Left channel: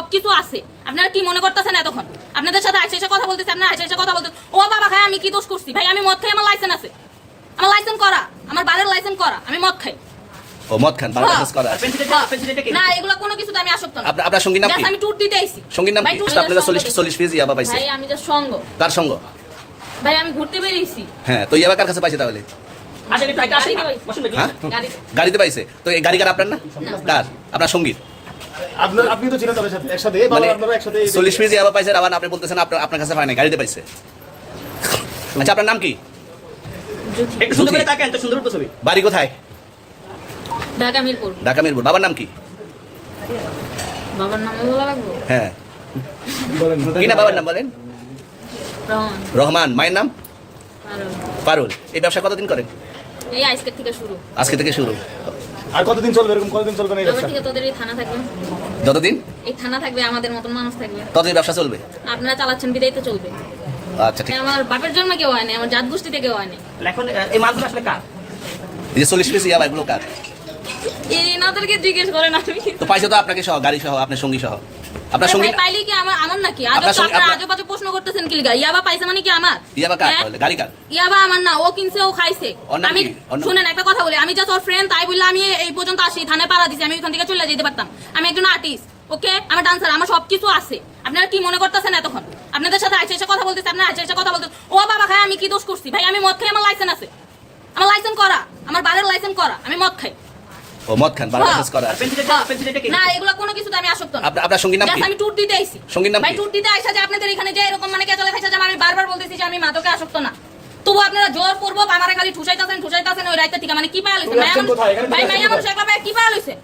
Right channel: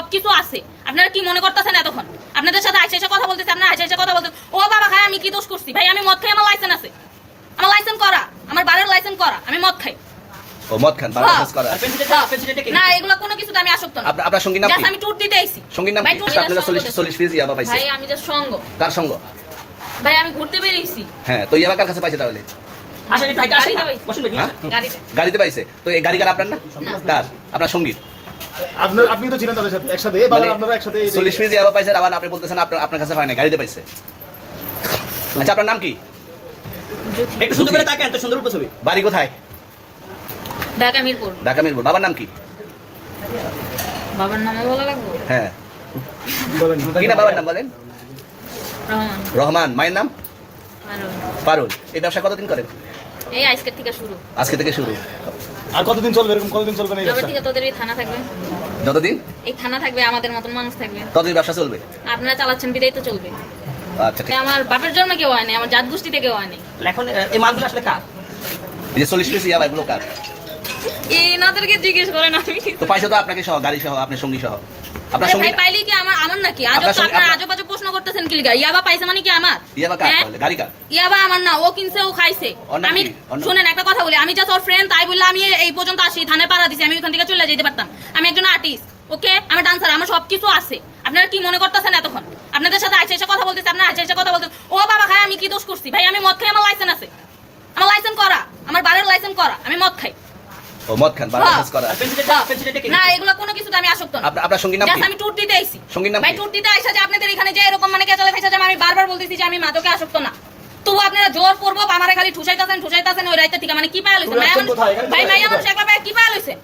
সবকিছু আছে। আপনারা কি মনে করতেছেন এতক্ষণ? আপনাদের সাথে আইসা কথা বলতেছি, আপনারা আইসা কথা বলতেন ও বাবা খাই আমি কি দোষ করছি? ভাই আমি মদ খাই, আমার লাইসেন্স আছে, আমার লাইসেন্স করা, আমার বাড়ির লাইসেন্স করা, আমি মদ খাই। ও মদ খান, বাড়ির লাইসেন্স করা। না এগুলা কোনো কিছুতে আমি আসক্ত না। আপনার সঙ্গীর নাম কি? আমি ট্যুর দিতে আইছি। সঙ্গীর নাম কি? আপনারা 40 পিস ইয়াবা পাইছে। ভাই আমি যে সঙ্গ। কার সঙ্গ? ভাই আমি ঘুরতে বেরিয়েছি। হ্যাঁ, তো ইয়াবা কার কাছে পাইছে তাহলে? গাড়িতে পাইছে। তো এই গাড়ি কার আপনার না? কার? আপনার সঙ্গী। আপনি তো ছিলেন তাদের সাথে একসাথে, আপনারা একসাথে 40 পিস ইয়াবা পাইছে, আবার আপনি বলতেছেন আপনার কাছে পায় না, গাড়িতে পাইছে। আচ্ছা, আপনার নাম কি? একটু সুন্দর করে তাকান তো, সুন্দর উপর ছবি। বাড়ি কোথায়? ঢাকা মিরপুর। ঢাকা মিরপুর। বাবার নাম কি? বাবার নাম বলা লাগবে? হ্যাঁ, কি না বাবার নাম বলেন? রহমান। রহমান। মায়ের নাম? পারুল। এই ব্যবসা কতদিন করেন? এই আজকে থেকে শুরু। আজকে থেকে শুরু। আর কতদিন চলবে? এরকম কতদিন চলবে না এই এবার ব্যবসা? থেকে তোদের এই থানা থাকবে, যতদিন এই থানা থাকবে, আমাদের মতন মানুষ থাকবে, ততদিন ব্যবসা চলবে। আপনারা চালাচ্ছেন বিদায় তো চলবে। আচ্ছা, ঠিক। আমার বাপের জন্মে কেউ হয়নি, আমার জাত গোষ্ঠীতে কেউ হয়নি। এখন এই মালগুলো আসলে কার? এই যে 40 পিস ইয়াবা, এগুলো কার? এনাদেরকে জিজ্ঞেস করেন। আমি তো পাইছে তো আপনাকে সহ, গাড়ি সহ, আপনার সঙ্গী সহ। আপনার সঙ্গী ভাই পাইলে কি আমার নাকি? আজব তো আপনারা আজব আজব প্রশ্ন করতেছেন কি লিগা? ইয়াবা পাইছে মানে কি আমার? ইয়াবা কার হ্যাঁ? তাহলে? গাড়ি কার? ইয়াবা আমার না, ও কিনছে, ও খাইছে। ওর নাম আমি কি? ওর নাম? শুনেন একটা কথা বলি, আমি জাস্ট ওর ফ্রেন্ড, তাই বললে আমি এই পর্যন্ত আসি, থানায় পাড়া দিছি, আমি ওখান থেকে চলে যেতে পারতাম। আমি একজন আর্টিস্ট, ওকে, আমি ডান্সার, আমার সবকিছু আছে। আপনারা কি মনে করতেছেন এতক্ষণ? আপনাদের সাথে আইসা কথা বলতেছি, আপনারা আইসা কথা বলতেন ও বাবা খাই আমি কি দোষ করছি? ভাই আমি মদ খাই, আমার লাইসেন্স আছে, আমার লাইসেন্স করা, আমার বাড়ির লাইসেন্স করা, আমি মদ খাই। ও মদ খান, বাড়ির লাইসেন্স করা। না এগুলা কোনো কিছুতে আমি আসক্ত না। আপনার সঙ্গীর নাম কি? আমি ট্যুর দিতে আইছি। সঙ্গীর নাম ভাই কি? ট্যুর দিতে আইসা যে আপনাদের এখানে যে এরকম মানে কেচালে খাইছা যে আমি বারবার বলতেছি যে আমি মাদকে আসক্ত না, তবু আপনারা জোর পূর্বক আমারে খালি ঠুসাইতাছেন ওই রাইতে থেকে, মানে কি পায়া লইছেন? কোথায়? এখানে ভাই মাইয়া মানুষ একবার কি পায়া লইছেন?